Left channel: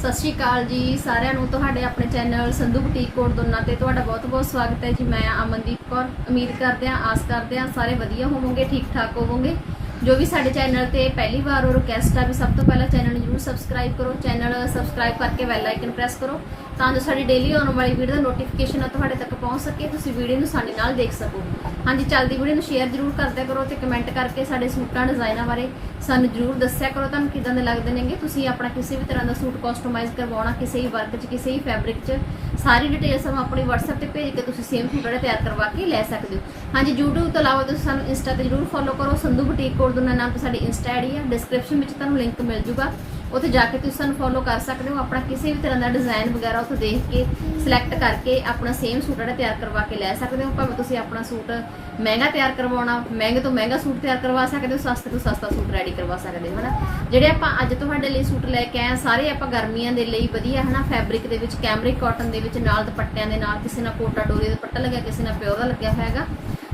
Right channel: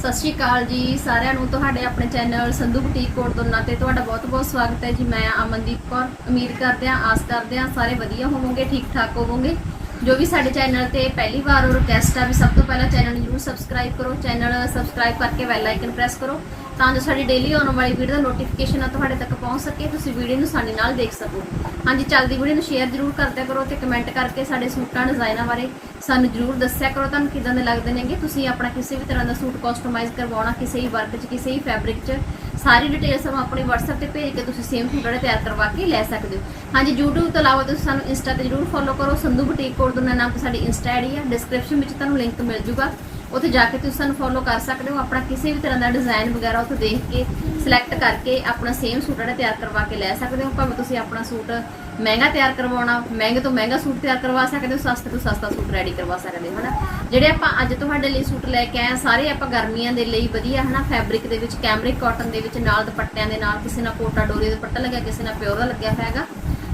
ਸਤਿ ਸ਼੍ਰੀ ਅਕਾਲ ਜੀ ਸਾਰਿਆਂ ਨੂੰ। ਤੁਹਾਡੇ ਆਪਣੇ ਚੈਨਲ ਸੰਧੂ ਬੁਟੀਕ ਕੋਡ ਦੋਨਾਂ ਤੇ ਤੁਹਾਡਾ ਬਹੁਤ-ਬਹੁਤ ਸਵਾਗਤ ਹੈ ਜੀ। ਮੈਂ ਅਮਨਦੀਪ ਕੌਰ, ਉਮੀਦ ਕਰਦੇ ਹਾਂ, ਆਸ ਕਰਦੇ ਹਾਂ ਸਾਰੇ ਵਧੀਆ ਹੋਵੋਗੇ ਠੀਕ ਠਾਕ ਹੋਵੋਗੇ। ਜੋ ਵੀ ਸਾਡੇ ਚੈਨਲ ਤੇ ਪਹਿਲੀ ਵਾਰ ਉਹ ਰਿਕਵੈਸਟ ਆ ਵੀ ਸਭ ਤੋਂ ਪਹਿਲਾਂ ਚੈਨਲ ਨੂੰ ਜਰੂਰ ਸਬਸਕ੍ਰਾਈਬ ਕਰੋ, ਚੈਨਲ ਸਬਸਕ੍ਰਾਈਬ ਕਰਕੇ ਬੈਲ ਆਈਕਨ ਪ੍ਰੈਸ ਕਰੋ। ਤਾਂ ਜੋ ਸਾਡੀ ਡੇਲੀ ਆਉਣ ਵਾਲੀ ਵੀਡੀਓ ਦਾ ਨੋਟੀਫਿਕੇਸ਼ਨ ਤੁਹਾਡੇ ਤੱਕ ਪਹੁੰਚ ਸਕੇ, ਤੁਸੀਂ ਵੀਡੀਓ ਨੂੰ ਸਾਡੇ ਨਾਲ ਦੇਖ ਸਕੋ। ਹਾਂਜੀ, ਚੱਲਦੀ ਵੀਡੀਓ ਨੂੰ ਸ਼ੇਅਰ ਜਰੂਰ ਕਰਦਿਆ ਕਰੋ ਤੇ ਕਮੈਂਟ ਕਰਕੇ ਸਾਡੇ ਸੂਟਾਂ ਡਿਜ਼ਾਈਨਾਂ ਬਾਰੇ ਸਾਨੂੰ ਜਰੂਰ ਦੱਸਿਆ ਕਰੋ। ਤੁਹਾਨੂੰ ਕਿਦਾਂ ਦੇ ਲੱਗਦੇ ਨੇਗੇ? ਤੁਸੀਂ ਆਪਣਾ ਕਿਸੇ ਵੀ ਤਰ੍ਹਾਂ ਦਾ ਸੂਟ ਕਸਟਮਾਈਜ਼ ਕਰਵਾਉਣਾ, ਕਿਸੇ ਵੀ ਵਰਕ 'ਚ, ਕਿਸੇ ਵੀ ਫੈਬਰਿਕ 'ਚ, ਸਾਰੀ ਡਿਟੇਲ ਸਾਨੂੰ ਆਪਣੇ WhatsApp ਤੇ ਭੇਜ ਕੇ ਤੁਸੀਂ ਸੇਮ ਸੂਟ ਜਿਹੜਾ ਤਿਆਰ ਕਰਵਾ ਕੇ ਲੈ ਸਕਦੇ ਹੋ। ਹਾਂਜੀ, YouTube ਤੋਂ ਇਲਾਵਾ ਤੁਸੀਂ ਸਾਨੂੰ Insta ਤੇ ਜਰੂਰ ਫੋਲੋ ਕਰੋ। ਸੰਧੂ ਬੁਟੀਕ ਕੋਡ ਦੋਨਾਂ ਨਾਮ ਤੇ ਸਾਡੀ Insta ਆਈਡੀ ਹੈ ਡਿਸਕ੍ਰਿਪਸ਼ਨ ਵਿੱਚ ਤੁਹਾਨੂੰ ਲਿੰਕ ਮਿਲ ਜੂਗਾ। ਉੱਥੇ ਜਾ ਕੇ ਤੁਸੀਂ ਸਾਨੂੰ ਫੋਲੋ ਕਰ ਸਕਦੇ ਹੋ, ਆਪਣਾ ਕਿਸੇ ਵੀ ਤਰ੍ਹਾਂ ਦਾ ਡਿਜ਼ਾਈਨ ਵਗੈਰਾ ਉੱਥੇ ਦੇਖ ਕੇ ਸਿਲੈਕਟ ਕਰਕੇ ਆਪਣਾ ਸੇਮ ਸੂਟ ਜਿਹੜਾ ਤਿਆਰ ਕਰਵਾ ਕੇ ਲੈ ਸਕਦੇ ਹੋ। ਭਾਵੇਂ ਤੁਸੀਂ ਆਪਣਾ ਸੂਟ ਮਹਿੰਗਾ ਤਿਆਰ ਕਰਵਾਉਣਾ, ਮਹਿੰਗੇ ਤੋਂ ਮਹਿੰਗਾ ਸੂਟ ਤਿਆਰ ਕਰਵਾ ਸਕਦੇ ਹੋ, ਸਸਤੇ ਤੋਂ ਸਸਤਾ ਸੂਟ ਰੈਡੀ ਕਰਵਾ ਸਕਦੇ ਹੋ, ਹਨਾ? ਜਿਹੜੇ ਆਪਾਂ ਅੱਜ ਤੁਹਾਡੇ ਲਈ ਸੂਟ ਲੈ ਕੇ ਆਏ ਸਾਰੇ ਆਪਾਂ ਗਰਮੀਆਂ ਦੇ ਲਈ ਵਧੀਆ, ਹਨਾ? ਫੈਬਰਿਕ ਦੇ ਵਿੱਚ ਕੈਮਰਿਕ ਕਾਟਨ ਦੇ ਵਿੱਚ, ਨਾਲ ਦੁਪੱਟਿਆਂ ਦੇ ਨਾਲ, ਕਿਸੇ ਨਾਲ ਕੋਟਾ ਡੋਰੀ ਦਾ ਦੁਪੱਟਾ ਲੱਗਿਆ, ਕਿਸੇ ਨਾਲ ਪਿਓਰ ਦਾ ਲੱਗਿਆ ਹੈਗਾ।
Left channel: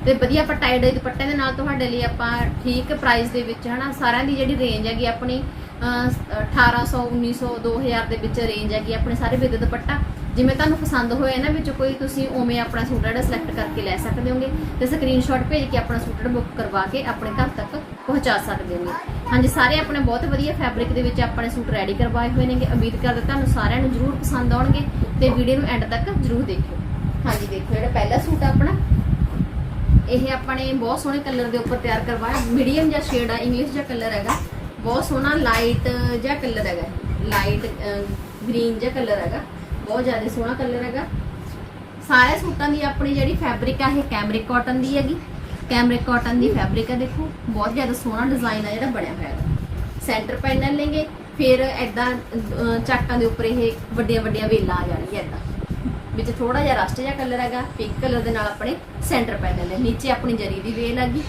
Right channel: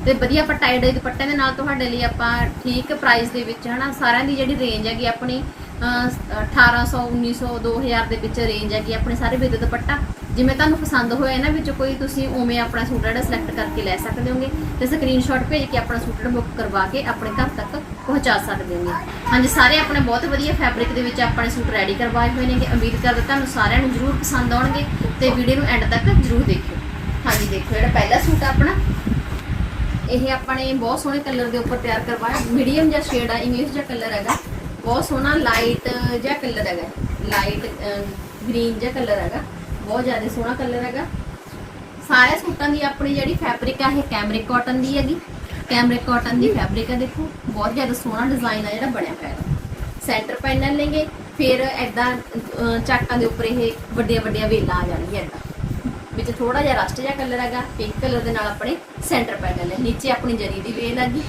ਤੇ ਵਧੀਆ ਆਪਾਂ ਟਾਈ ਡਾਈ ਦੁਪੱਟਿਆਂ ਦੇ ਨਾਲ ਤੁਹਾਡੇ ਲਈ ਆਪਾਂ ਠੀਕ ਪ੍ਰਾਈਸ ਦੇ ਵਿੱਚ, ਹਨਾ? ਸਾਰਿਆਂ ਦੀ ਜਿਹੜੀ ਰੇਂਜ ਹੈਗੀ ਆਪਣੀ 1800 1900 2000 ਦੇ ਵਿੱਚ ਰੇਂਜ ਹੈਗੀ ਆਪਣੇ ਸਾਰੇ ਵਿਦ ਦੁਪੱਟਾ। ਜਿਵੇਂ ਤੁਹਾਨੂੰ ਪਸੰਦ ਹੋਇਆ ਇਹਨਾਂ ਵਿੱਚ ਕੋਈ, ਤੁਸੀਂ ਉਵੇਂ ਆਪਣਾ ਸੂਟ ਜਿਹੜਾ ਸਿਲੈਕਟ ਕਰਕੇ ਲੈ ਸਕਦੇ ਹੋਗੇ ਤੇ ਸਕਰੀਨਸ਼ਾਟ ਭੇਜ ਕੇ ਆਪਣਾ ਸੂਟ ਬੁੱਕ ਕਰਵਾ ਕੇ ਆਪਣੇ ਘਰ ਤੱਕ ਪਹੁੰਚਾ ਸਕਦੇ ਹੋਗੇ। ਹਾਂਜੀ, ਸਾਰੇ ਆਪਣੇ ਬਹੁਤ ਵਧੀਆ ਫੈਬਰਿਕ ਦੇ ਵਿੱਚ ਆਪਣੇ ਸੂਟ ਰੈਡੀ ਕਰਵਾਏ ਹੋਏ ਨੇਗੇ। ਉਮੀਦ ਕਰਦੇ ਤੁਹਾਨੂੰ ਸਾਰਿਆਂ ਨੂੰ ਜਰੂਰ ਪਸੰਦ ਆਉਣਗੇ ਤੇ ਵੀਡੀਓ ਨੂੰ ਐਂਡ ਤੱਕ ਜਰੂਰ ਦੇਖਿਓ। ਹਾਂਜੀ ਦੇਖੋ ਜਿਹੜਾ ਪਹਿਲਾ ਸੂਟ ਆ ਆਪਣਾ। ਇਹ ਆਪਣੇ ਬਹੁਤ ਸੋਹਣੇ ਕਲਰ ਦੇ ਉੱਪਰ ਤਿਆਰ ਕਰਵਾਇਆ। ਮੀਡੀਅਮ ਜਿਹਾ ਸ਼ੇਡ ਆ ਇੰਗਲਿਸ਼ ਜਿਹਾ ਕਲਰ ਹੈਗਾ। ਬਹੁਤ ਸੋਹਣਾ ਲਾਈਟ ਜਿਹਾ ਕਲਰ ਹੈਗਾ ਲਾਈਟ ਗ੍ਰੀਨ ਜਿਹਾ ਕਲਰ ਹੈਗਾ। ਬਹੁਤ ਜ਼ਿਆਦਾ ਸੋਹਣਾ ਕਲਰ ਹੈਗਾ। ਸਾਰੇ ਸੂਟਾਂ ਦੀ ਆਪਣੀ ਜਿਹੜੀ ਫੈਬਰਿਕ ਆ, ਇਹ ਕੈਮਰਿਕ ਕਾਟਨ ਦੀ ਹੈਗੀ। ਕੈਮਰਿਕ ਕਾਟਨ ਦੀ ਫੈਬਰਿਕ ਹੈ ਦੇਖੋ। ਬਹੁਤ ਜ਼ਿਆਦਾ ਸੋਹਣਾ ਡਿਜ਼ਾਈਨ ਆ ਜਿਹੜਾ ਬਣਿਆ ਹੋਇਆ ਹੈ। ਸੈਂਟਰ ਪੈਨਲ ਲੈਂਗੇ ਫਿਰ ਐਦਾਂ ਚਾਕਾਂ ਦੇ ਉੱਪਰ ਇਹ ਵੱਡੀਆਂ ਵੱਡੀਆਂ ਵੇਲਾਂ ਆ ਜਾਣਗੀਆਂ ਐਦਾਂ ਵਿੱਚ ਥੋੜਾ ਜਿਹਾ ਰਸਟ ਜਿਹਾ ਕਲਰ ਹੈਗਾ। ਪਿੰਕ ਕਲਰ ਦੇ ਨਾਲ ਆਪਣੇ ਸੈਂਟਰ ਪੈਨਲ ਹੈ ਨੀਚੇ ਆਪਣੀ ਜਰੀ ਦੀ ਵੇਲ ਹੈਗੀ।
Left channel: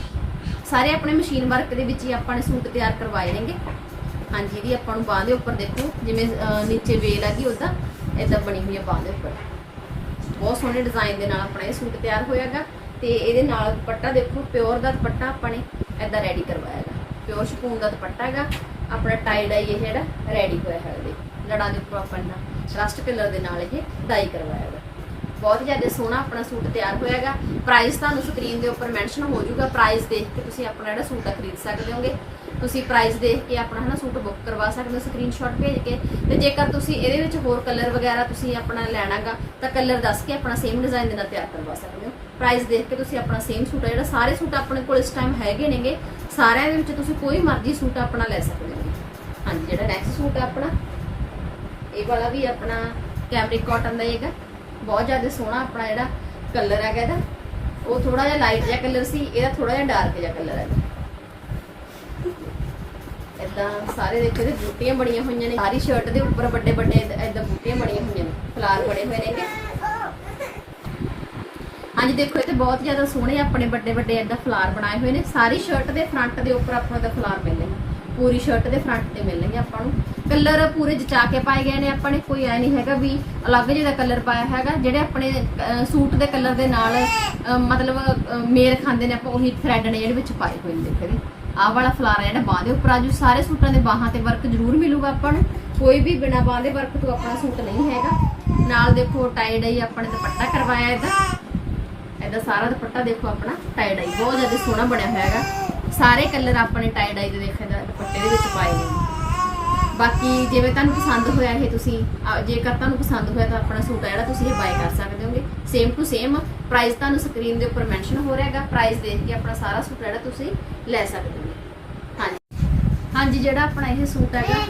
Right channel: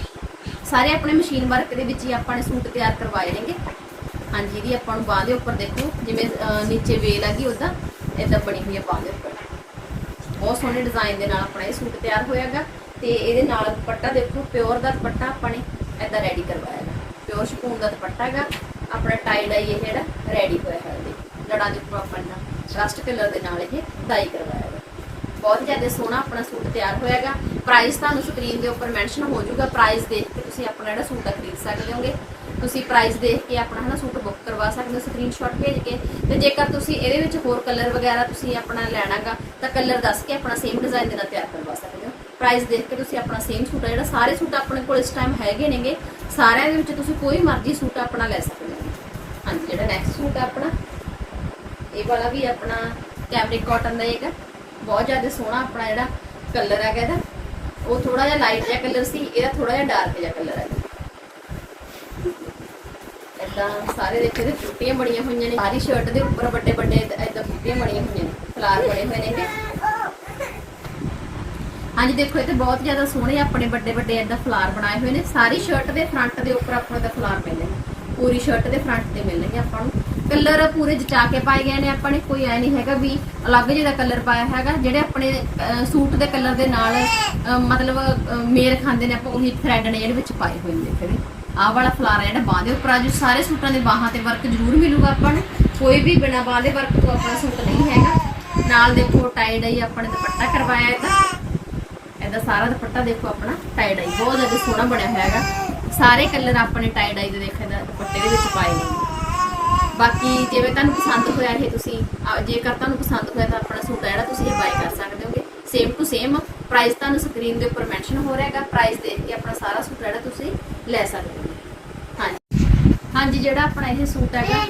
ਸਾਰੇ ਆਪਣੇ ਮਸ਼ੀਨ ਵਰਕ ਦੇ ਵਿੱਚ ਹੀ ਆਪਾਂ ਨੇ ਸੂਟ ਤਿਆਰ ਕਰਵਾਏ ਨੇਗੇ। ਹਾਂਜੀ, ਇਹਦੀ ਆਪਾਂ ਨੂੰ ਬਾਹ ਦੇ ਉੱਪਰ ਦੇਖੋ, ਜਿਵੇਂ ਨੀਚੇ ਵੇਲ ਹੈਗੀ ਉਹਦਾ ਇਦਾਂ ਬਣੀ ਹੋਈ ਹੈ ਬਾਹ ਦੇ ਉੱਪਰ। ਬਹੁਤ ਸੋਹਣੇ ਡਿਜ਼ਾਈਨ ਦੇ ਨਾਲ ਆਪਣਾ ਇਹ ਸੂਟ ਤਿਆਰ ਹੋਇਆਗਾ ਤੇ ਇਹਦੇ ਨਾਲ ਦੁਪੱਟਾ ਦੇਖੋ, ਪਿਓਰ ਦਾ ਦੁਪੱਟਾ ਆਪਾਂ ਨੇ ਇਦਾਂ ਰੈਡੀ ਕਰਵਾਇਆ ਹੈਗਾ ਪਿਓਰ ਸ਼ਪੂਨ ਦਾ ਦੁਪੱਟਾ ਹੈਗਾ, ਆਪਣਾ ਟਾਈ ਡਾਈ ਇਹ ਜਿਹੜਾ ਰੈਡੀ ਹੋਇਆ ਹੈ ਇਹਦੇ। ਲੜਾਂ ਦੇ ਉੱਪਰ ਆਪਾਂ ਨੇ ਰਸਟ ਕਲਰ ਦੇ ਨਾਲ ਇਹ ਡਾਈ ਕਰਵਾਇਆ ਹੈਗਾ ਬਹੁਤ ਜ਼ਿਆਦਾ ਸੋਹਣਾ ਆਪਣਾ ਸੂਟ ਤਿਆਰ ਹੋਇਆਗਾ। ਪ੍ਰਾਈਸ ਤੁਹਾਨੂੰ ਸਕਰੀਨ ਦੇ ਉੱਪਰ ਮੈਂਸ਼ਨ ਹੋ ਜਾਊਗਾ। ਪ੍ਰਾਈਸ ਦੇਖ ਕੇ ਤੁਸੀਂ ਆਪਣਾ ਜਿਹੜਾ ਸੂਟ ਆ ਖਰੀਦ ਸਕਦੇ ਹੋਗੇ। ਤੁਸੀਂ ਪ੍ਰਾਈਸ ਦੇਖ ਕੇ ਆਪਣਾ ਹਨਾ ਸੂਟ ਬੁੱਕ ਕਰਵਾ ਸਕਦੇ ਹੋ ਸਕਰੀਨਸ਼ਾਟ ਭੇਜ ਕੇ। ਤੇ ਜੇਕਰ ਤੁਸੀਂ ਇਹਦੇ ਵਿੱਚ ਹੋਰ ਕਲਰ ਵਗੈਰਾ ਤੁਸੀਂ ਆਪਣਾ ਲੈਣਾਗਾ, ਤਾਂ ਕਲਰ ਦੱਸ ਕੇ ਆਪਣਾ ਸੇਮ ਡਿਜ਼ਾਈਨ ਦੇ ਨਾਲ ਤਿਆਰ ਕਰਵਾ ਸਕਦੇ ਹੋ। ਪ੍ਰਾਈਸ ਦੇਖ ਕੇ ਤੁਸੀਂ ਆਪਣਾ ਸੇਮ ਸੂਟ ਆ, ਜਿਹੜਾ ਸਾਰੇ ਸੂਟ ਆਪਣੇ ਕੋਲ ਇਸ ਟਾਈਮ ਹੈਗੇ ਨੇਗੇ, ਸਾਰਿਆਂ ਦੇ ਵਿੱਚ ਤੁਸੀਂ ਕੋਈ ਮਰਜ਼ੀ ਸੂਟ ਆਪਣਾ ਲੈ ਸਕਦੇ ਹੋ। ਹਾਂਜੀ, ਜਿਹੜਾ ਨੈਕਸਟ ਸੂਟ ਆ ਆਪਣਾ, ਇਹ ਵਾਲਾ ਵੀ ਆਪਣਾ ਕੈਮਰਿਕ ਕਾਟਨ ਦਾ ਹੀ ਹੈਗਾ। ਬਹੁਤ ਜ਼ਿਆਦਾ ਸੋਹਣਾ ਆਪਣਾ ਜਿਹੜਾ ਕਲਰ ਹੈਗਾ ਇਹਦਾ। ਉਹ ਥੋੜਾ ਜਿਹਾ ਲਾਈਟ ਜਿਹਾ ਕਲਰ ਸੀ, ਇਹਦਾ ਥੋੜਾ ਜਿਹਾ ਡਾਰਕ ਜਿਹਾ ਕਲਰ ਹੈ। ਇਦਾਂ ਸਾਰੇ ਦੇਖੋ ਇਹਦੇ ਬੂਟੀਆਂ ਬਣੀਆਂ ਹੋਈਆਂ ਨੇ। ਸਾਰੀ ਸ਼ਰਟ ਦੇ ਉੱਪਰ ਵੱਡੇ ਵੱਡੇ ਇਦਾਂ ਬੂਟੀਆਂ ਬਣੀਆਂ ਹੋਈਆਂ ਨੇ ਫਲਾਰ ਬਣੇ ਹੋਏ ਨੇ ਹਾਂਜੀ, ਦੇਖੋ ਇੱਥੇ ਬਹੁਤ ਜ਼ਿਆਦਾ ਸੋਹਣੇ ਆਪਣੇ ਵੱਡੇ ਵੱਡੇ ਇਦਾਂ ਫਲਾਰ ਬਣਾਏ ਹੋਏ ਨੇ। ਸਾਰੀ ਸ਼ਰਟ ਦੇ ਫਰੰਟ ਦੇ ਉੱਪਰ ਆਪਣਾ ਦਾ ਫਲਾਰ ਮਿਲਦੇ ਨੇ। ਪੂਰੀ ਸ਼ਰਟ ਦੇ ਫਰੰਟ ਤੇ ਮਿਲਣਗੇ ਆਪਾਂ ਨੂੰ। ਕਲਰ ਪੂਰੇ ਜਚਾ ਕੇ ਪਾਏ ਗਏ ਨੇ ਆਪਾਂ ਨੇ, ਕੋਈ ਐ ਨਹੀਂ ਹੈਗਾ ਵੀ ਅਲੱਗ ਜਿਹਦਾ ਕਲਰ ਪਾਇਆ ਹੈਗਾ, ਜਿਹੜੇ ਆਪਣੇ ਸੂਟ ਦੇ ਕਲਰ ਦੇ ਨਾਲ ਮਤਲਬ ਮੇਲ ਖਾਂਦੇ ਨੇ, ਆਪਾਂ ਉਹੀ ਥ੍ਰੈਡ ਨੇ ਜਿਹੜੇ ਵਿੱਚ ਪਾਏ ਹੋਏ ਨੇ ਜਿਹੜੇ ਆਹ ਵਾਲਾ ਫਲਾਰ ਜਿਹੜਾ ਬਾਹ ਦੇ ਉੱਪਰ ਆਜੂ ਸਾਰੇ ਸੂਟਾਂ ਦੇ ਬਾਹਾਂ ਤੇ ਵਰਕ ਜ਼ਰੂਰ ਮਿਲੂਗਾ ਆਪਾਂ ਨੂੰ। ਕੋਈ ਵੀ ਬਿਨਾ ਬਾਹ ਦੇ ਵਰਕ ਤੋਂ ਆਪਣਾ ਸੂਟ ਨਹੀਂ ਹੈਗਾ। ਨਾਲ ਦੇਖੋ ਟਾਈ ਡਾਈ ਆਪਾਂ ਨੇ ਦੁਪੱਟਾ ਕਰਵਾਇਆ ਇਹਦਾ। ਇਹਦਾ ਸਾਰਾ ਦੁਪੱਟਾ ਦੇਖੋ ਆਪਣਾ ਟਾਈ ਡਾਈ ਬਹੁਤ ਜ਼ਿਆਦਾ ਸੋਹਣਾ ਬਣਿਆ ਹੋਇਆ ਹੈਗਾ। ਸਾਰੇ ਕਲਰ ਆਪਣੇ ਟਾਈ ਡਾਈ ਦੇ ਦੇਖੋ ਇਹਦਾ ਦੁਪੱਟੇ ਦੇ ਵਿੱਚ ਪਾਏ ਨੇ। ਬਾਕੀ ਜਿਵੇਂ ਤੁਹਾਨੂੰ ਪਸੰਦ ਹੋਇਆ ਇਹ ਤੁਸੀਂ, ਅਹ ਜੇਕਰ ਤੁਹਾਨੂੰ ਪਸੰਦ ਹੋਇਆ ਤਾਂ ਆਪਣਾ ਸੂਟ ਆ ਜਿਹੜਾ ਤੁਸੀਂ ਇਹ ਬਾਈ ਕਰ ਸਕਦੇ ਹੋਗੇ। ਸੇਮ ਟੂ ਸੇਮ ਪ੍ਰਾਈਸ ਤੁਹਾਨੂੰ ਸਕਰੀਨ ਦੇ ਉੱਪਰ ਮੈਂਸ਼ਨ ਹੋ ਰਿਹਾ ਹੈਗਾ। ਪ੍ਰਾਈਸ ਦੇਖ ਕੇ ਆਪਣਾ ਸਾਰਾ ਸੂਟ ਜਿਹੜਾ ਤੁਸੀਂ ਲੈ ਸਕਦੇ ਹੋ ਹਾਂਜੀ। ਹਾਂਜੀ, ਜਿਹੜਾ ਆਪਣਾ ਇਹ ਸੂਟ ਹੈਗਾ,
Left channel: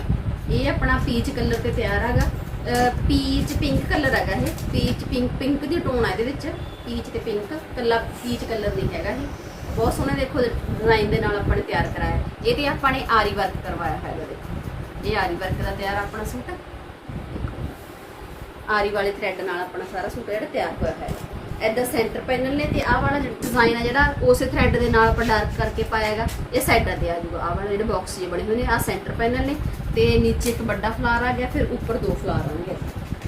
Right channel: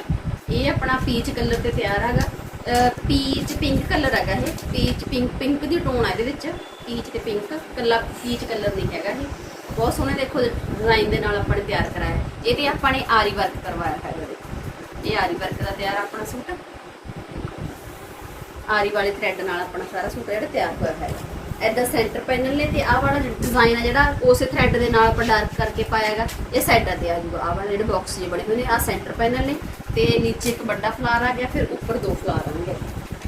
ਇਹ ਆਪਣਾ ਪੀਚ ਕਲਰ ਤੇ ਤਿਆਰ ਹੈਗਾ। ਪੀਚ ਪਿੰਕ ਕਲਰ ਹੈਗਾ ਇਹ। ਪੀਚ ਪਿੰਕ ਪਿੰਕ ਦੀ ਟੋਨ ਹੈ ਇਹਦੇ ਵਿੱਚ। ਪੀਚ ਤੇ ਪਿੰਕ ਕੱਲਾ ਪੀਚ ਕਲਰ ਨਹੀਂ ਹੈਗਾ ਇਹ। ਬਹੁਤ ਸੋਹਣੇ ਦੇਖੋ ਡਿਜ਼ਾਈਨ ਦੇ ਨਾਲ ਆਪਾਂ ਨੇ ਤਿਆਰ ਕਰਾਇਆ। ਇਹਦੇ ਆਪਾਂ ਨੇ ਆਰੀ ਵਰਕ ਕਰਵਾਇਆ ਹੈਗਾ ਦੇਖੋ ਇਹ ਆਰੀ ਵਰਕ ਦਾ ਤਿਆਰ ਆਪਣਾ ਸੂਟ। ਆਰੀ ਵਾਲੇ ਥ੍ਰੈਡ ਨਾਲ ਆਪਣਾ ਸਾਰਾ ਸੂਟ ਜਿਹੜਾ ਤਿਆਰ ਹੋਇਆ ਹੈ। ਐਦਾਂ ਸੈਂਟਰ ਪੈਨਲ ਨੇ ਤੇ ਆਹ ਵਾਲਾ ਡਿਜ਼ਾਈਨ ਆ ਜਿਹੜਾ, ਉਸੇ ਥ੍ਰੈਡ ਦੇ ਨਾਲ ਆਪਾਂ ਡਾਰਕ ਕਰਕੇ ਪਾਇਆ ਹੈਗਾ। ਇਹ ਸਾਈਡਾਂ ਤੇ ਆ ਜਾਊਗਾ। ਆਹ ਵਾਲੇ ਜਿਹੜੇ ਬਾਕਸ ਜਿਹੇ ਬਣੇ ਹੋਏ ਨੇ, ਆਹ ਸੈਂਟਰ ਪੈਨਲ ਨੇ। ਤੇ ਨੀਚੇ ਇੱਕ ਵੱਡਾ ਫਲਾਰ ਆ ਗਿਆ, ਫਿਰ ਉੱਪਰ ਦੋ ਫਲਾਰ ਆਉਣਗੇ।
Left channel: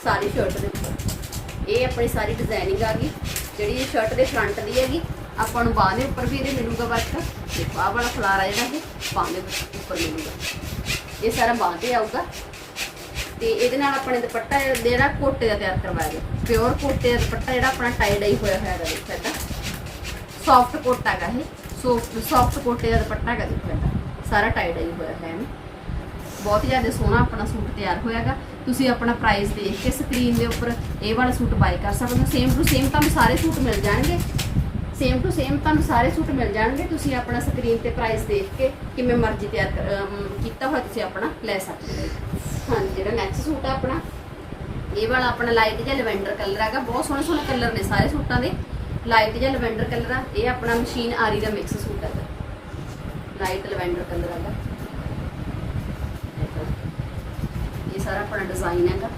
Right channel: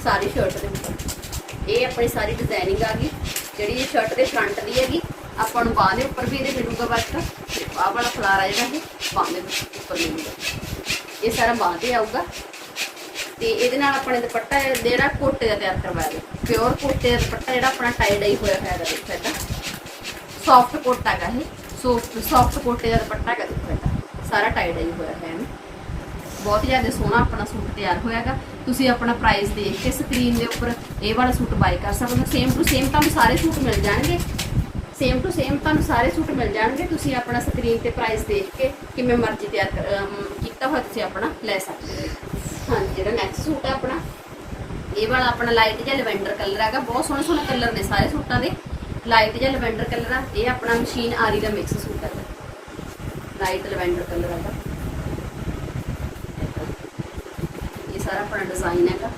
ਸਾਰੀ ਸ਼ਰਟ ਦੇ ਉੱਪਰ। ਇਹ ਆਪਣੀ ਸਾਰੀ ਡਿਜ਼ਾਈਨਿੰਗ ਆ ਗਈ। ਜਿਹੜੀ ਇਹ ਸ਼ਰਟ ਦੇ ਫਰੰਟ ਦੀ ਹੈਗੀ ਆਪਾਂ ਨੂੰ ਬਾਹ ਦੇ ਉੱਪਰ ਵੀ ਇਹਦੇ ਮਿਲੂਗਾ ਵਰਕ ਤੇ ਆਹ ਵਾਲਾ ਫਲਾਰਾ ਜਿਹੜਾ ਇਹ ਬਾਹ ਦੇ ਉੱਪਰ ਮਿਲੂਗਾ। ਇਹ ਸਾਰਾ ਬਾਹ ਤੇ ਆਊਗਾ। ਤੇ ਇਹਦੇ ਨਾਲ ਆਪਣੇ ਦੁਪੱਟਾ ਜਿਹੜਾ ਕੋਟੇ ਦਾ ਤਿਆਰ ਕਰਵਾਇਆ ਗਿਆ। ਪਿਓਰ ਕੋਟੇ ਦਾ ਦੁਪੱਟਾ ਜਿਹੜਾ ਆਪਣਾ ਟਾਈ ਡਾਈ ਹੋਇਆ ਹੋਇਆ ਹੈਗਾ, ਦੇਖੋ ਇਹਦਾ। ਸੌਫਟ ਕੋਟਾ ਹੈਗਾ ਇਹ। ਸੋ ਸੌਫਟ ਕੋਟੇ ਦਾ ਦੁਪੱਟਾ ਹੈਗਾ, ਦੇਖੋ ਇਹਦਾ। ਸਾਰਾ ਟਾਈ ਡਾਈ ਹੋਇਆ ਹੈ ਇਹਨੂੰ। ਬਹੁਤ ਜ਼ਿਆਦਾ ਸੋਹਣਾ ਆਪਣਾ ਸੂਟ ਤਿਆਰ ਹੋਇਆਗਾ ਤੁਸੀਂ ਆਪਣਾ ਪ੍ਰਾਈਸ ਦੇਖ ਕੇ ਸਕਰੀਨ ਦੇ ਉੱਪਰ ਇਹ ਵਾਲਾ ਸੂਟ ਬਾਈ ਕਰ ਸਕਦੇ ਹੋ। ਸੇਮ ਟੂ ਸੇਮ ਤੁਹਾਨੂੰ ਸਾਰੇ ਸੂਟ ਮਿਲ ਜਾਣਗੇ। ਸੇਮ ਟੂ ਸੇਮ ਤੁਹਾਨੂੰ ਸਾਰੇ ਸੂਟ ਮਿਲ ਜਾਣਗੇ। ਤੁਸੀਂ ਆਪਣਾ ਸਕਰੀਨ ਤੇ ਪ੍ਰਾਈਸ ਦੇਖ ਕੇ ਕਿਵੇਂ ਮਰਜ਼ੀ ਤਿਆਰ ਕੀਤਾ ਹੋਇਆ ਤੁਸੀਂ ਆਪਣਾ ਲੈ ਸਕਦੇ ਹੋ। ਹਾਂਜੀ, ਜਿਹੜਾ ਨੈਕਸਟ ਸੂਟ ਆ ਆਪਣਾ, ਇਹ ਵਾਲਾ ਆਪਣਾ ਲਾਈਟ ਜਿਹਾ ਲਵੈਂਡਰ ਕਲਰ ਹੈਗਾ। ਬਹੁਤ ਸੋਹਣੇ ਸੋਹਣੇ ਕਲਰ ਨੇ ਸਾਰੇ ਸੂਟਾਂ ਦੇ। ਲਾਈਟ ਜਿਹਾ ਲਵੈਂਡਰ ਕਲਰ ਆ। ਇਹ ਆਪਣਾ ਮਸ਼ੀਨ ਆਰੀ ਦਾ ਮਿਕਸ ਸੂਟ ਹੈਗਾ। ਲਾਈਟ ਲਵੈਂਡਰ ਕਲਰ ਹੈਗਾ। ਇਹ ਸਾਰਾ ਆਪਣਾ ਡਿਜ਼ਾਈਨ ਹੈਗਾ।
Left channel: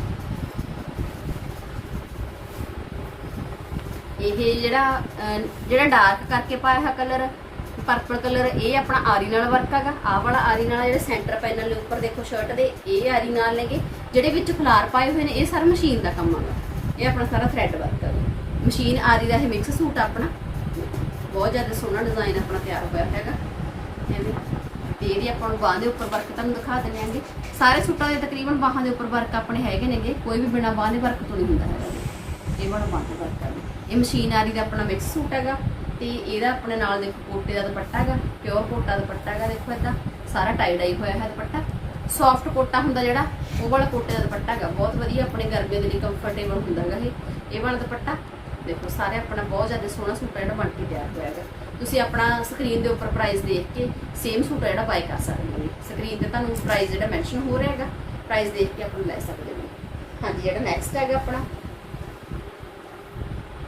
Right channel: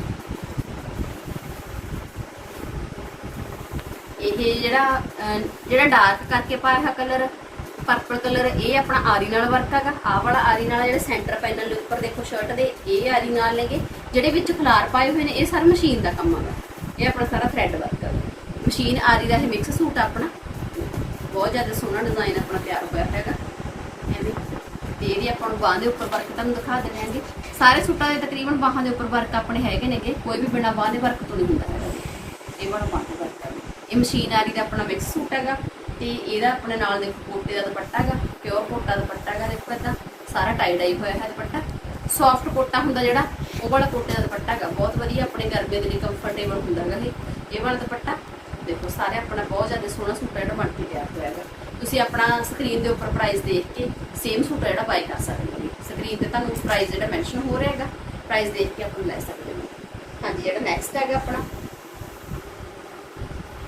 ਇਹ ਜਿਹੜਾ ਜਿਹੜਾ ਡਾਰਕ ਕਰਕੇ ਪਾਇਆ ਹੋਇਆ ਕਲਰ ਪਰਪਲ ਕਲਰ ਇਹ ਆਪਣਾ ਆਰੀ ਨਾਲ ਵਰਕ ਹੈਗਾ। ਆਹ ਵਾਲਾ ਆਰੀ ਨਾਲ ਜਿਹੜੇ ਸੈਂਟਰ ਪੈਨਲ ਦੇ ਉੱਪਰ ਦੇਖੋ ਸ਼ਰਟ ਦੇ, ਇਹ ਆਰੀ ਨਾਲ ਨੇਗੇ ਜਿਹੜੇ ਵਿੱਚ ਫਲਾਰ ਪਾਏ ਹੋਏ ਨੇ, ਇਹ ਸਾਰਾ ਮਸ਼ੀਨ ਦਾ ਕੰਮ ਹੈਗਾ। ਇਹ ਆਪਣਾ ਸਾਰਾ ਥ੍ਰੈਡ ਵਰਕ ਹੈ ਮਸ਼ੀਨ ਆਰੀ ਦਾ ਇਹ ਮਿਕਸ ਸੂਟ ਆ ਆਪਣਾ। ਬਹੁਤ ਜ਼ਿਆਦਾ ਸੋਹਣਾ ਡਿਜ਼ਾਈਨ ਆਪਣਾ ਤਿਆਰ ਹੋਇਆ ਹੈਗਾ। ਐਵੇਂ ਤੇ ਵੀ ਆਪਾਂ ਨੂੰ ਬਾਹਾਂ ਦੇ ਉੱਪਰ ਵਰਕ ਤੁਹਾਨੂੰ ਦਿਖਾ ਦਿੰਦੇ ਸਾਰੇ ਸੂਟਾਂ ਦੇ ਤਕਰੀਬਨ ਬਾਹਾਂ ਦੇ ਉੱਪਰ ਵਰਕ ਆਪਣੇ ਹੈਗੇ ਨੇਗੇ। ਕੋਈ ਵੀ ਬਿਨਾ ਬਾਹਾਂ ਦੇ ਵਰਕ ਤੋਂ ਨਹੀਂ ਹੁੰਦਾ ਹੈਗਾ। ਇਹ ਵਾਲਾ ਬਾਹਾਂ ਦਾ ਵਰਕ ਹੈ ਇਹ ਮਸ਼ੀਨ ਆਰੀ ਦਾ ਆਪਣਾ ਮਿਕਸ ਸੂਟ ਹੈਗਾ ਤੇ ਇਹਦਾ ਆਪਣੇ ਨਾਲ ਦੇਖੋ ਕੋਟੇ ਦਾ ਦੁਪੱਟਾ ਹੈਗਾ ਪਿਓਰ ਕੋਟਾ ਦੁਪੱਟਾ ਹੈਗਾ, ਦੇਖੋ ਇਦਾਂ ਸਾਰਾ ਟਾਈ ਡਾਈ ਹੋਇਆ ਹੈ ਦੁਪੱਟਾ। ਸੌਫਟ ਕੋਟਾ ਹੁੰਦਾ ਜਿਹੜਾ, ਉਹ ਵਾਲਾ ਕੋਟੇ ਦਾ ਦੁਪੱਟਾ ਹੈਗਾ, ਬਹੁਤ ਵਧੀਆ ਆਪਣੇ ਗਰਮੀਆਂ ਦੇ ਲਈ ਕੰਫਰਟੇਬਲ ਹੁੰਦਾ ਹੈਗਾ ਇਹ। ਇਹ ਵਾਲਾ ਦੁਪੱਟਾ, ਦੇਖੋ ਸਾਰੇ ਆਪਣਾ ਬਹੁਤ ਜ਼ਿਆਦਾ ਸੋਹਣਾ ਸੂਟ ਜਿਹੜਾ ਬਣ ਕੇ ਤਿਆਰ ਹੋਇਆ ਹੈਗਾ। ਤੁਸੀਂ ਆਪਣਾ ਸਕਰੀਨ ਦੇ ਉੱਪਰ ਪ੍ਰਾਈਸ ਦੇਖ ਕੇ ਸੇਮ ਸੂਟ ਜਿਹੜਾ ਬਾਈ ਕਰ ਸਕਦੇ ਹੋ। ਸਕਰੀਨ ਤੇ ਤੁਹਾਨੂੰ ਪ੍ਰਾਈਸ ਜਿਹੜਾ ਮੈਂਸ਼ਨ ਹੋ ਰਿਹਾ ਹੈਗਾ ਪ੍ਰਾਈਸ ਦੇਖ ਕੇ ਆਪਾਂ ਲੈ ਸਕਦੇ ਹੋ। ਹਾਂਜੀ, ਜਿਹੜਾ ਨੈਕਸਟ ਹੈਗਾ ਆਪਣਾ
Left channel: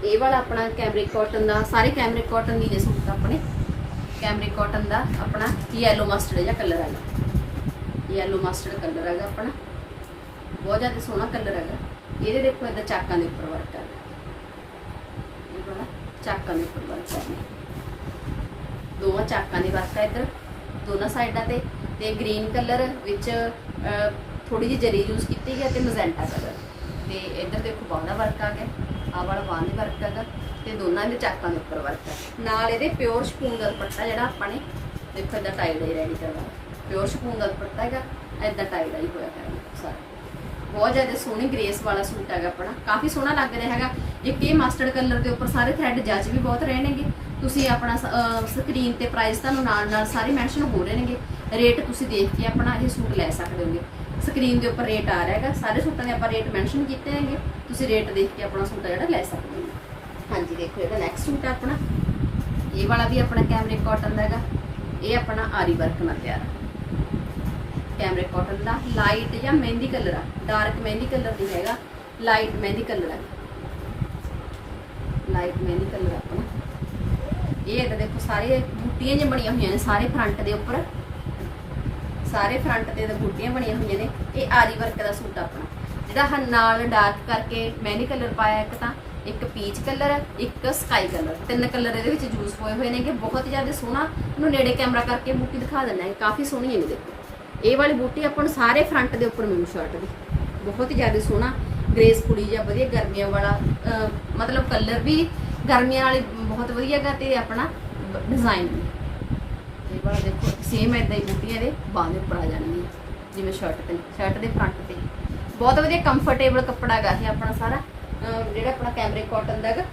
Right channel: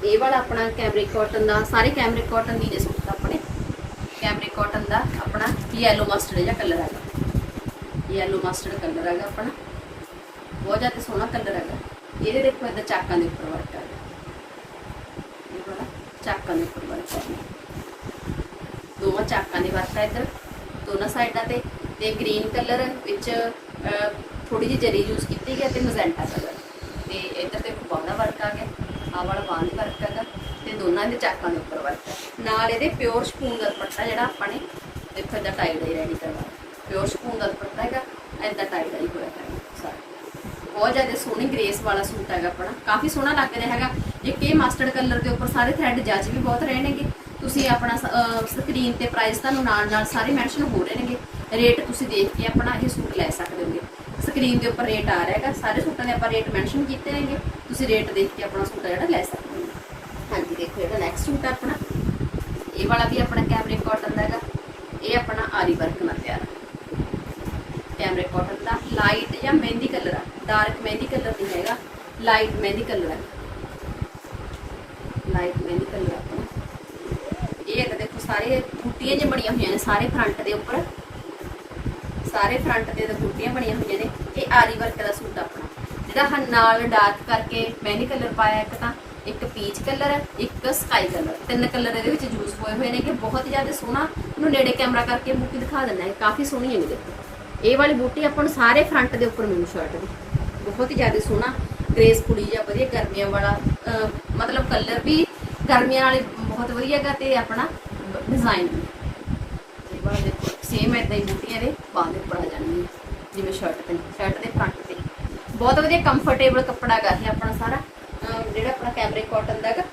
ਇਹ ਵਾਲਾ ਆਪਣਾ ਕੈਮਰਿਕ ਕਾਟਨ ਦਾ, ਸਾਰੇ ਕੈਮਰਿਕ ਕਾਟਨ ਦੀ ਨੇ ਸੂਟ ਆਪਣੇ। ਕੈਮਰਿਕ ਕਾਟਨ ਦਾ ਆਪਣਾ ਯੈਲੋ ਮਸਟਰਡ ਜਿਹਾ ਕਲਰ ਹੈਗਾ। ਯੈਲੋ ਮਸਟਰਡ ਕਲਰ ਹੈਗਾ ਆਪਣਾ। ਬਹੁਤ ਜ਼ਿਆਦਾ ਸੋਹਣਾ ਕਲਰ ਹੈਗਾ। ਇਹਦੇ ਦੇਖੋ ਇਹਦਾ ਚਾਕਾਂ ਦੇ ਉੱਪਰ ਵਰਕ ਹੈਗਾ। ਇਹ ਵਾਲਾ ਚਾਕਾਂ ਦੇ ਉੱਪਰ ਵਰਕ ਹੈਗਾ। ਦੋਵਾਂ ਚਾਕਾਂ ਦੀ ਵਰਕ ਹੈ ਇੱਧਰ। ਦੋਨਾਂ ਸਾਈਡਾਂ ਤੇ ਤੇ ਗ੍ਰੀਨ ਕਲਰ ਵਿੱਚ ਥੋੜੀ ਜਿਹੀ ਜਰੀ ਯੂਜ਼ ਕੀਤੀ ਗਈ ਹੈ ਤੇ ਮਜ਼ੈਂਟਾ ਕਲਰ ਤੇ ਇੱਧਰ ਦੇਖੋ ਬਾਹਾਂ ਦਾ ਵਰਕ ਆ ਗਿਆ, ਆਹ ਵਾਲਾ ਬਾਹਾਂ ਵਰਕ ਹੈਗਾ ਤੇ ਦੋਨਾਂ ਦੇ ਚਾਕਾਂ ਦੇ ਉੱਪਰ ਵਰਕ ਹੈ ਨਾਲ ਇਹਦੇ ਪਿਓਰ ਸ਼ਪੂਨ ਦਾ ਦੁਪੱਟਾ ਜਿਹੜਾ ਆਪਾਂ ਨੇ, ਦੇਖੋ ਇਹਦਾ ਟਾਈ ਡਾਈ ਰੈਡੀ ਕਰਵਾ ਪਿਓਰ ਸ਼ਪੂਨ ਦਾ ਦੁਪੱਟਾ ਹੈਗਾ ਇਹਦਾ ਟਾਈ ਡਾਈ ਹੋਇਆ ਹੈ ਸਾਰਾ ਬਹੁਤ ਜ਼ਿਆਦਾ ਸੋਹਣੀ ਗ੍ਰੇਸ ਵਾਲਾ ਸੂਟ ਹੈਗਾ ਆਪਣਾ, ਕਾਫੀ ਸੋਹਣਾ ਲੱਗ ਰਿਹਾ ਹੈਗਾ। ਜੇ ਕਿ ਮਸਟਰਡ ਕਲਰ ਦੇ ਉੱਪਰ ਸਾਰੇ ਥ੍ਰੈਡ ਜੱਜ ਵੀ ਬਹੁਤ ਰਹੇ ਨੇਗੇ ਤੁਸੀਂ ਆਪਣਾ ਸਕਰੀਨ ਤੇ ਪ੍ਰਾਈਸ ਤੁਹਾਨੂੰ ਨਾਲ ਨਾਲ ਸਾਰੇ ਮੈਂਸ਼ਨ ਹੋ ਰਹੇ ਨੇਗੇ। ਰੇਟ ਤੁਸੀਂ ਦੇਖ ਕੇ ਆਪਣਾ ਇਹ ਸੂਟ ਲੈ ਸਕਦੇ ਹੋਗੇ। ਸਕਰੀਨ ਦੇ ਉੱਪਰ ਰੇਟ ਆ ਰਿਹਾ ਹੈਗਾ। ਸਾਰੇ ਸੂਟਾਂ ਦੇ ਆਪਾਂ ਰੇਟ ਮੈਂਸ਼ਨ ਕੀਤੇ ਨੇਗੇ ਤੁਸੀਂ ਰੇਟ ਦੇਖ ਕੇ ਆਪਣਾ ਸੂਟ ਜਿਹੜਾ ਲੈ ਸਕਦੇ ਹੋ। ਹਾਂਜੀ, ਦੇਖੋ ਇਹਦਾ ਨੈਕਸਟ ਸੂਟ ਆ ਆਪਣਾ। ਇਹ ਵਾਲਾ ਵੀ ਆਪਣਾ ਕੈਮਰਿਕ ਕਾਟਨ ਦਾ ਹੈਗਾ। ਇਹ ਆਪਣਾ ਆਰੀ ਵਰਕ ਨਾਲ ਤਿਆਰ ਹੈ ਕੈਮਰੇ ਕਾਟਨ ਦਾ ਲਾਈਟ ਜਾਂ ਮਹਿੰਦੀ ਕਲਰ ਆ। ਡਾਰਕ ਮਹਿੰਦੀ ਕਲਰ ਨਹੀਂ ਹੈਗਾ। ਲਾਈਟ ਮਹਿੰਦੀ ਕਲਰ ਹੈ ਲਾਈਟ ਮਹਿੰਦੀ ਕਲਰ ਆਪਣਾ। ਇਹ ਇੱਕ ਦੇਖੋ ਸਾਰੇ ਬੂਟੀਆਂ ਜਿਹੀਆਂ ਬਣੀਆਂ ਹੋਈਆਂ ਨੇ ਸਾਰੇ ਫਰੰਟ ਦੇ ਉੱਪਰ। ਸਾਰੇ ਫਰੰਟ ਤੇ ਤਾਂ ਬੂਟੀਆਂ ਬਣੀਆਂ ਹੋਈਆਂ ਨੇ, ਇਹ ਆਰੀ ਵਰਕ ਦਾ ਸੂਟ ਆਪਣਾ। ਜਿਹੜਾ ਹਨ ਨਾਲ ਡਾਰਕ ਕਰਕੇ ਮਹਿੰਦੀ ਕਲਰ ਪਾਇਆ ਇੱਕ ਤਾਂ, ਇੱਕ ਪੀਚ ਕਲਰ ਇੱਕ ਸਕਾਈ ਕਲਰ ਤਿੰਨ ਕਲਰ ਇਹਦੇ ਵਿੱਚ ਯੂਜ਼ ਹੋਏ ਹੋਏ ਨੇ ਕਿ ਬਹੁਤ ਜ਼ਿਆਦਾ ਸੋਹਣਾ ਇਹਨੂੰ ਨੇੜੇ ਕੈਮਰਾ ਕਰਕੇ ਬੂਟੀ ਦਿਖਾ ਦਿੰਦਾ ਹੈ, ਕਾਫੀ ਸੋਹਣੀ ਹੈ ਦੇਖੋ ਇਹ ਵਾਲੀ ਬੂਟੀ ਆਪਾਂ ਨੂੰ ਸਾਰੇ ਫਰੰਟ ਦੇ ਉੱਪਰ ਮਿਲੂ ਸ਼ਰਟ ਦੀ। ਬਹੁਤ ਹੀ ਜ਼ਿਆਦਾ ਸੋਹਣਾ ਗਰੇਸ ਕੁੜੀ ਜਾਂ ਵਧੀਆ ਗਰਮੀਆਂ ਵਾਲਾ ਮਤਲਬ ਕਲਰ ਵੀ ਗਰਮੀਆਂ ਵਾਲੀ ਬਹੁਤ ਵਧੀਆ ਹੈਗਾ ਤੇ ਆਪਣਾ ਡਿਜ਼ਾਈਨ ਵੀ। ਵਾਲਾ ਦੇਖੋ ਸੇਮ ਐਦਾਂ ਹੀ ਬੂਟੀਆਂ ਦੇ ਬਾਹਾਂ ਦੇ ਉੱਪਰ ਆ ਜਾਣਗੀਆਂ, ਜਿਵੇਂ ਸ਼ਰਟ ਤੇ ਸ਼ਰਟ ਦੇ ਫਰੰਟ ਤੇ। ਬਹੁਤ ਵਧੀਆ ਕੰਫਰਟੇਬਲ ਕੱਪੜਾ ਹੈਗਾ ਇਹ ਆਪਣਾ ਸਾਰਾ। ਜਿਹੜਾ ਆਪਣਾ ਕੈਮਰਿਕ ਕਾਟਨ ਦਾ ਹੈਗਾ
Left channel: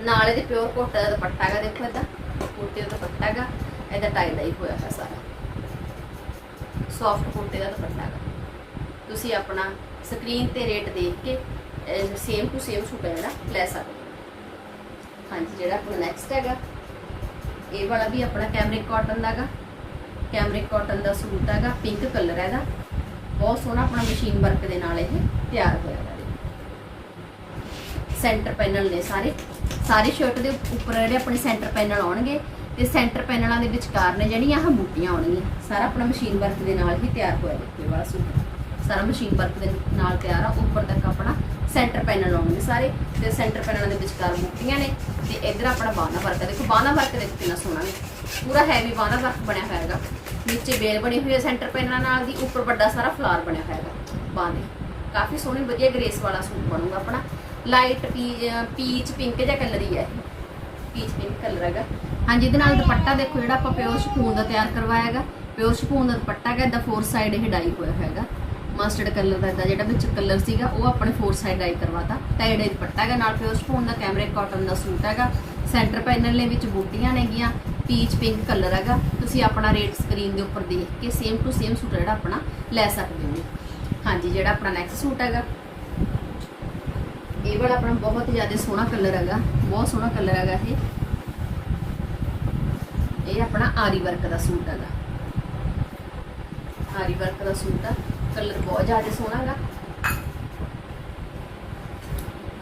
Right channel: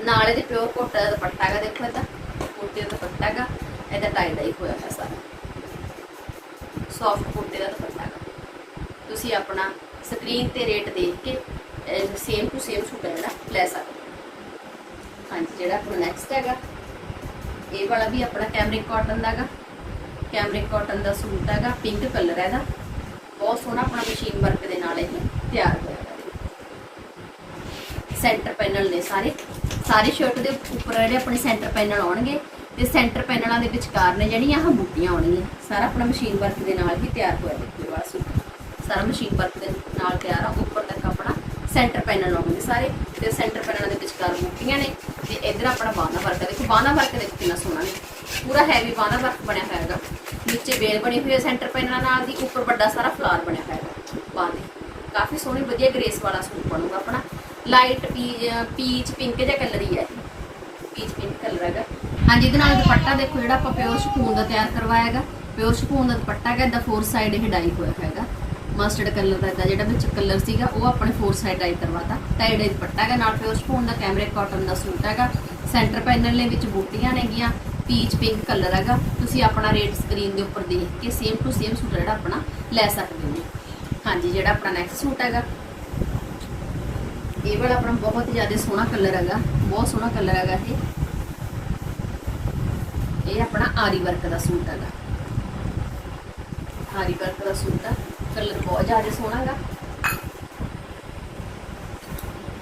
ਨਾਲ ਇਹਦੇ ਪਿਓਰ ਕੋਟਾ ਦਾ ਦੁਪੱਟਾ ਹੈਗਾ ਦੇਖੋ ਇਹਦਾ। ਕੁੜਤੇ ਦਾ ਦੁਪੱਟਾ ਹੈਗਾ ਇਹਦਾ ਟਾਈ ਡਾਈ ਹੋਇਆ ਹੈ ਸਾਰਾ। ਸੌਫਟ ਕੁੜਤੇ ਦਾ ਦੁਪੱਟਾ ਹੈਗਾ ਤੁਸੀਂ ਆਪਣਾ ਸਕਰੀਨ ਤੇ ਰੇਟ ਦੇਖ ਕੇ ਸੇਮ ਟੂ ਸੇਮ ਸੂਟ ਹੈ ਜਿਹੜਾ, ਲੈ ਸਕਦੇ ਹੋ। ਹਾਂਜੀ, ਜਿਹੜਾ ਆਪਣਾ ਨੈਕਸਟ ਹੈਗਾ ਇਹ ਵਾਲਾ ਵੀ ਆਪਣਾ ਕੈਮਰਿਕ ਕਾਟਨ ਦਾ ਕੈਮਰਿਕ ਕਾਟਨ ਦਾ ਸੂਟ ਹੈਗਾ ਪਿੰਕ ਕਲਰ ਹੈਗਾ ਬਹੁਤ ਸੋਹਣਾ ਆਪਣਾ ਮਸ਼ੀਨ ਵਰਕ ਦੇ ਨਾਲ ਇਹ ਤਿਆਰ ਹੋਇਆ ਹੈ ਸੈਂਟਰ ਪੈਨਲ ਨੇ ਸਾਰੇ। ਸਾਰੇ ਸ਼ਰਟ ਦੇ ਉੱਪਰ ਜਿਹੜੇ ਆਪਣੇ ਸੈਂਟਰ ਪੈਨਲ ਆਉਣਗੇ, ਤੇ ਸੈਂਟਰ ਪੈਨਲਾਂ ਦੇ ਵਿਚਕਾਰ ਨੇ ਜਿਹੜੀਆਂ ਆਹ ਬੂਟੀਆਂ ਆਉਣਗੀਆਂ ਸਾਰਾ ਆਪਣਾ ਮਸ਼ੀਨ ਵਰਕ ਦੇ ਨਾਲ ਹੀ ਤਿਆਰ ਹੋਇਆ ਦੇਖੋ ਇਹ ਵਾਲਾ ਸੂਟ। ਸਾਰਾ ਮਸ਼ੀਨ ਵਰਕ ਦੇ ਨਾਲ ਤਿਆਰ ਆ, ਉੱਪਰ ਤੱਕ ਆਪਣਾ ਸੈਂਟਰ ਪੈਨਲ ਆਉਣਗੇ ਸਾਰੇ ਤੇ ਸੈਂਟਰ ਪੈਨਲਾਂ ਦੇ ਵਿਚਕਾਰ ਬੂਟੀਆਂ ਨੇ ਤੇ ਇੱਧਰ ਆਪਣਾ ਬਾਣਾ ਵਰਕ ਹੈ। ਦੇਖੋ, ਬਾਣਾ ਵਰਕ ਦੇਖੋ ਕਿੰਨਾ ਸੋਹਣਾ ਨੇ। ਪੂਰਾ ਹੈਵੀ ਬਾਣਾ ਵਰਕ ਬਣਿਆ ਹੋਇਆ ਹੈਗਾ। ਨੀਚੇ ਬੇਲ ਬਣੀ ਹੋਈ ਹੈ ਸੈਂਟਰ ਪੈਨਲਾਂ ਨਾਲ ਦੀ, ਉੱਪਰ ਵੱਡਾ ਸਾਰਾ ਫਲਾਰ ਬਣਿਆ ਹੋਇਆ ਹੈਗਾ ਬਾਂਹ ਦੇ ਕਾਫੀ ਸੋਹਣੀ, ਵਧੀਆ ਗ੍ਰੇਸ ਵਾਲਾ ਸੂਟ ਬਣੂਗਾ ਆਪਣਾ। ਲਾਈਟ ਪੀਚ ਪਿੰਕ ਜਿਹਾ ਕਲਰ ਹੀ ਹੈ ਪੀਚ ਪਿੰਕ ਕਲਰ ਹੈਗਾ। ਹਾਂਜੀ, ਇਹਦੇ ਨਾਲ ਦੁਪੱਟਾ ਦੇਖੋ, ਜਿਹੜਾ ਆਪਾਂ ਪਿਓਰ ਸ਼ਕੂਨ ਦਾ ਤਿਆਰ ਕਰਵਾਇਆ ਹੈਗਾ। ਪਿਓਰ ਸ਼ਕੂਨ ਦਾ ਦੁਪੱਟਾ ਹੈਗਾ, ਇਹਦਾ ਫੋਰ ਸਾਈਡ ਇਹ ਡਾਈ ਹੋਇਆ ਹੈਗਾ। ਮਸਟਰਡ ਕਲਰ ਦਾ ਇਹਦਾ ਜਿਹੜਾ ਵਿੱਚ ਕਲਰ ਸੀਗਾ, ਉਹ ਆਪਣੇ ਫੋਰ ਸਾਈਡ ਡਾਈ ਕਰਵਾਤਾ। ਟਾਈਡ ਇਹ ਦੁਪੱਟਾ ਹੈਗਾ ਨਾਲ ਪਿਓਰ ਸਪੂਨ ਦਾ ਕੈਮਰੇ ਕਾਟਨ ਦਾ ਸੂਟ ਹੈਗਾ। ਸੈਂਟਰ ਪੈਨਲ ਦੇ ਵਿੱਚ ਬੂਟੀਆਂ ਨੇਗੀਆਂ ਪੀਚ ਪਿੰਕ ਕਲਰ ਹੈਗਾ। ਤੁਸੀਂ ਆਪਣਾ ਰੇਟ ਸਕਰੀਨ ਦੇ ਉੱਪਰ ਦੇਖ ਕੇ ਸੇਮ ਟੂ ਸੇਮ ਸੂਟ ਜਿਹੜਾ ਆਪਣਾ ਲੈ ਸਕਦੇ ਹੋ। ਹਾਂਜੀ, ਜਿਹੜਾ ਆਪਣਾ ਨੈਕਸਟ ਸੂਟ ਹੈਗਾ। ਇਹ ਵਾਲਾ ਆਪਣਾ ਬਹੁਤ ਜ਼ਿਆਦਾ ਸੋਹਣਾ ਕਲਰ ਹੈਗਾ। ਬਹੁਤ ਸੋਹਣਾ ਕਲਰ ਹੈਗਾ ਇਹ। ਇਹ ਆਪਣਾ ਆਰੀ ਵਰਕ ਦਾ ਸੂਟ ਹੈਗਾ। ਆਰੀ ਵਰਕ ਦਾ ਸੂਟ ਆ। ਕਲਰ ਬਹੁਤ ਜ਼ਿਆਦਾ ਸੋਹਣਾ ਹੈਗਾ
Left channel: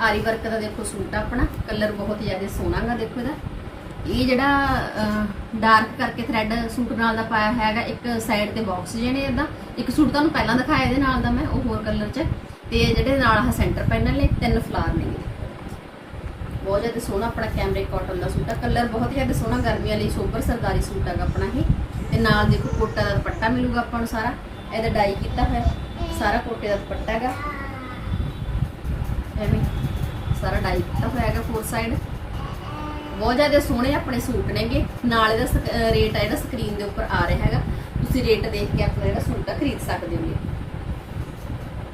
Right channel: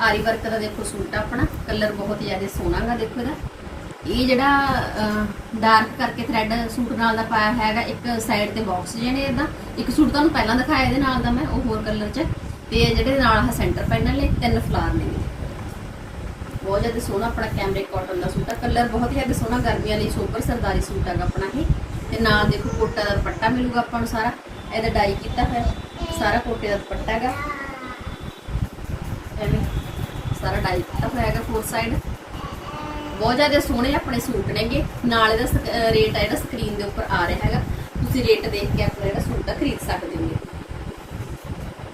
ਆਰੀ ਵਰਕ ਦਾ ਦੇਖੋ ਸੂਟ ਆ ਆਪਣਾ, ਕਲਰ ਬਹੁਤ ਜ਼ਿਆਦਾ ਸੋਹਣਾ ਹੈਗਾ ਦੇਖੋ ਇਹਦਾ। ਇਹ ਜਿਹੜਾ ਡਾਰਕ ਕਰਕੇ ਥ੍ਰੈਡ ਸੂਟ ਨਾਲ ਦਾ ਪਾਇਆ ਹੋਇਆ ਹੈਗਾ ਇੱਕ ਸਾਈਡ ਤੇ ਬਾਕਸ ਜਿਹੇ ਇਹਦਾ। ਇੱਕ ਸੂਟ ਤੁਹਾਨੂੰ ਪਹਿਲਾਂ ਦਿਖਾਇਆ ਇਹਦੇ ਨਾਲ ਦਾ ਮੈਂ, ਉਹ ਹੋਰ ਕਲਰ 'ਚ। ਤੇ ਜਿਹੜੇ ਨਾਲ ਆ ਸੈਂਟਰ ਪੈਨਲ ਨੇ, ਤਿੰਨ ਫਲਾਰ ਨੇ। ਬਹੁਤ ਜ਼ਿਆਦਾ ਸੋਹਣਾ ਆਪਣਾ ਕੈਮਰੇ ਕਾਟਨ ਦਾ ਸੂਟ ਆ। ਕਲਰ ਬਹੁਤ ਜ਼ਿਆਦਾ ਸੋਹਣਾ, ਗਰਮੀਆਂ ਲਈ ਸੋਬਰ ਸਰਦਾਰੀ ਸੂਟ ਹੈਗਾ ਆਪਣਾ ਇਹ। ਤੇ ਨਾਲ ਦੇਖੋ ਕੋਟਾ ਦਾ ਦੁਪੱਟਾ ਮਿਲੂਗਾ ਆਪਾਂ ਨੂੰ ਸਾਰਾ। ਇਹਦਾ ਡਾਈ ਕੀਤਾ ਹੋਇਆ। ਸਾਰਾ ਕੋਟੇ ਦਾ ਦੁਪੱਟਾ ਹੈਗਾ। ਐਵੇਂ ਸਾਰਾ ਡਾਈ ਕੀਤਾ ਹੋਇਆ ਹੈਗਾ ਫੋਰ ਸਾਈਡ ਬਹੁਤ ਜ਼ਿਆਦਾ ਸੋਹਣੇ ਆਪਣੇ ਸੂਟ ਨੇਗੇ। ਨਾਲ ਇਹਦਾ ਰੇਟ ਹੈ ਜਿਹੜਾ ਸਕਰੀਨ ਦੇ ਉੱਪਰ ਆ ਰਿਹਾ ਹੈਗਾ। ਤੁਸੀਂ ਰੇਟ ਦੇਖ ਕੇ ਆਪਣਾ ਜਿਹੜਾ ਸੂਟ ਆ ਖਰੀਦ ਸਕਦੇ ਹੋਗੇ।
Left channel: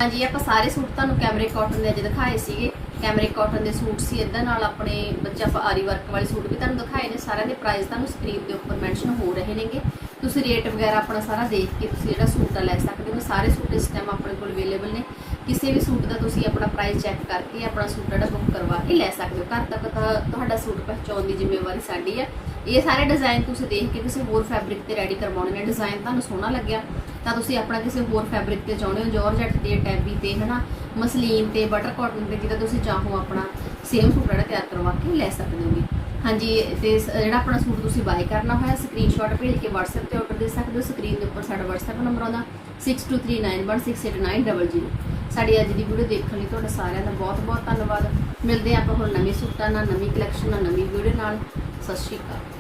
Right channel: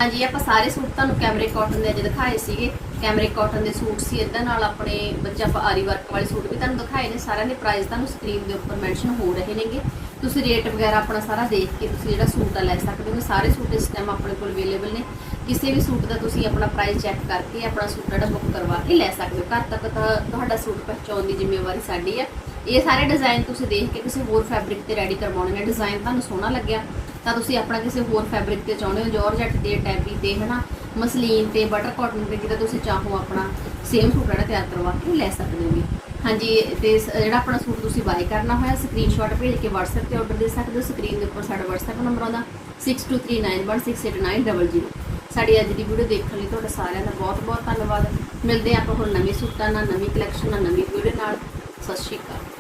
ਹਾਂਜੀ, ਆਪਾਂ ਸਾਰੇ ਸੂਟ ਤੁਹਾਨੂੰ ਕੈਮਰੇ ਕਾਟਨ ਦੇ ਅੱਜ ਦਿਖਾਏ ਸੀਗੇ। ਕੈਮਰੇ ਕਾਟਨ ਦੇ ਸੂਟ ਸੀ। ਇਦਾਂ ਨਾਲ ਆਪਣੇ ਬੱਚਾ ਆਪਾਂ ਆਰੀ ਵਰਕ ਵਾਲੇ ਸੂਟ ਵੀ ਤੁਹਾਨੂੰ ਦਿਖਾਏ ਨੇ। ਸਾਰਿਆਂ ਦੇ ਪ੍ਰਾਈਸ ਤੁਹਾਨੂੰ ਸਕਰੀਨ ਦੇ ਉੱਪਰ ਮੈਂਸ਼ਨ ਹੋ ਰਹੇ ਨੇਗੇ। ਤੁਸੀਂ ਰੇਟ ਵਗੈਰਾ ਆਪਣਾ ਸਾਰਾ ਦੇਖ ਕੇ ਤੁਸੀਂ ਜਿਹੜਾ ਸੂਟ ਆ ਲੈ ਸਕਦੇ ਹੋ। ਸਾਰੇ ਸੂਟ ਇਸ ਟਾਈਮ ਆਪਣੇ ਕੋਲ ਅਵੇਲੇਬਲ ਨੇ। ਕਿਸੇ ਵੀ ਸੂਟ ਦਾ ਤੁਸੀਂ ਆਪਣਾ ਪ੍ਰਾਈਸ ਚੈੱਕ ਕਰਕੇ ਆਪਣਾ ਸੂਟ ਜਿਹੜਾ ਬੁੱਕ ਕਰਵਾ ਕੇ ਲੈ ਸਕਦੇ ਹੋ। ਘਰ ਤੱਕ ਤੁਹਾ- ਤੁਹਾਡਾ ਸੂਟ ਪਹੁੰਚਾਉਣ ਦੀ ਜ਼ਿੰਮੇਵਾਰੀ ਸਾਡੀ ਹੈ ਇਹ ਸਾਰੇ ਡਿਜ਼ਾਈਨ ਤੁਸੀਂ ਦੇਖ ਕੇ ਕਿਸੇ ਹੋਰ ਫੈਬਰਿਕ ਤੇ ਰੈਡੀ ਕਰਵਾਉਣੇ ਨੇ। ਡਿਜ਼ਾਈਨ ਤੁਹਾਨੂੰ ਸੋਹਣਾ ਲੱਗਿਆ। ਤਾਂ ਤੁਸੀਂ ਆਪਣਾ ਕਿਸੇ ਹੋਰ ਫੈਬਰਿਕ ਤੇ ਚਾਹੁੰਦੇ ਹੋ। ਜੋਰਜੱਟ ਤੇ ਟੈਬੀ ਤੇ, ਹਨਾ? ਮਸਲੀਨ ਤੇ ਬਟਰ ਕਾਟਨ ਤੇ ਜਿਹੜਾ ਤੁਸੀਂ ਚਾਹੋ ਆਪਣਾ ਸੇਮ ਸੂਟ ਜਿਹੜਾ ਤਿਆਰ ਕਰਵਾ ਕੇ ਲੈ ਸਕਦੇ ਹੋ ਹਾਂਜੀ, ਤੇ ਸ- ਜਿਹੜਾ ਆਪਣਾ ਸੂਟ ਤੁਸੀਂ ਬਾਏ ਕਰਨਾ ਹੋਇਆ ਸਕਰੀਨਸ਼ਾਟ ਭੇਜ ਕੇ WhatsApp ਤੇ ਆਰਡਰ ਦੇ ਸਕਦੇ ਹੋ। ਸਕਰੀਨ ਦੇ ਉੱਪਰ ਸਾਡਾ WhatsApp ਨੰਬਰ ਆਉਂਦਾ 6239166800 ਸਾਡੀ ਅੱਜ ਦੀ ਵੀਡੀਓ ਦੇਖਣ ਲਈ ਤੁਹਾਡਾ ਸਾਰਿਆਂ ਦਾ ਬਹੁਤ ਬਹੁਤ ਧੰਨਵਾਦ। ਮਿਲਦੇ ਹਾਂ ਆਪਾਂ ਹੁਣ ਨਵੇਂ ਸੂਟਾਂ ਨਾਲ, ਨਵੀਂ ਕਲੈਕਸ਼ਨ ਨਾਲ, ਨਵੀਂ ਵੀਡੀਓ ਨਾਲ। ਸਤਿ ਸ਼੍ਰੀ ਅਕਾਲ।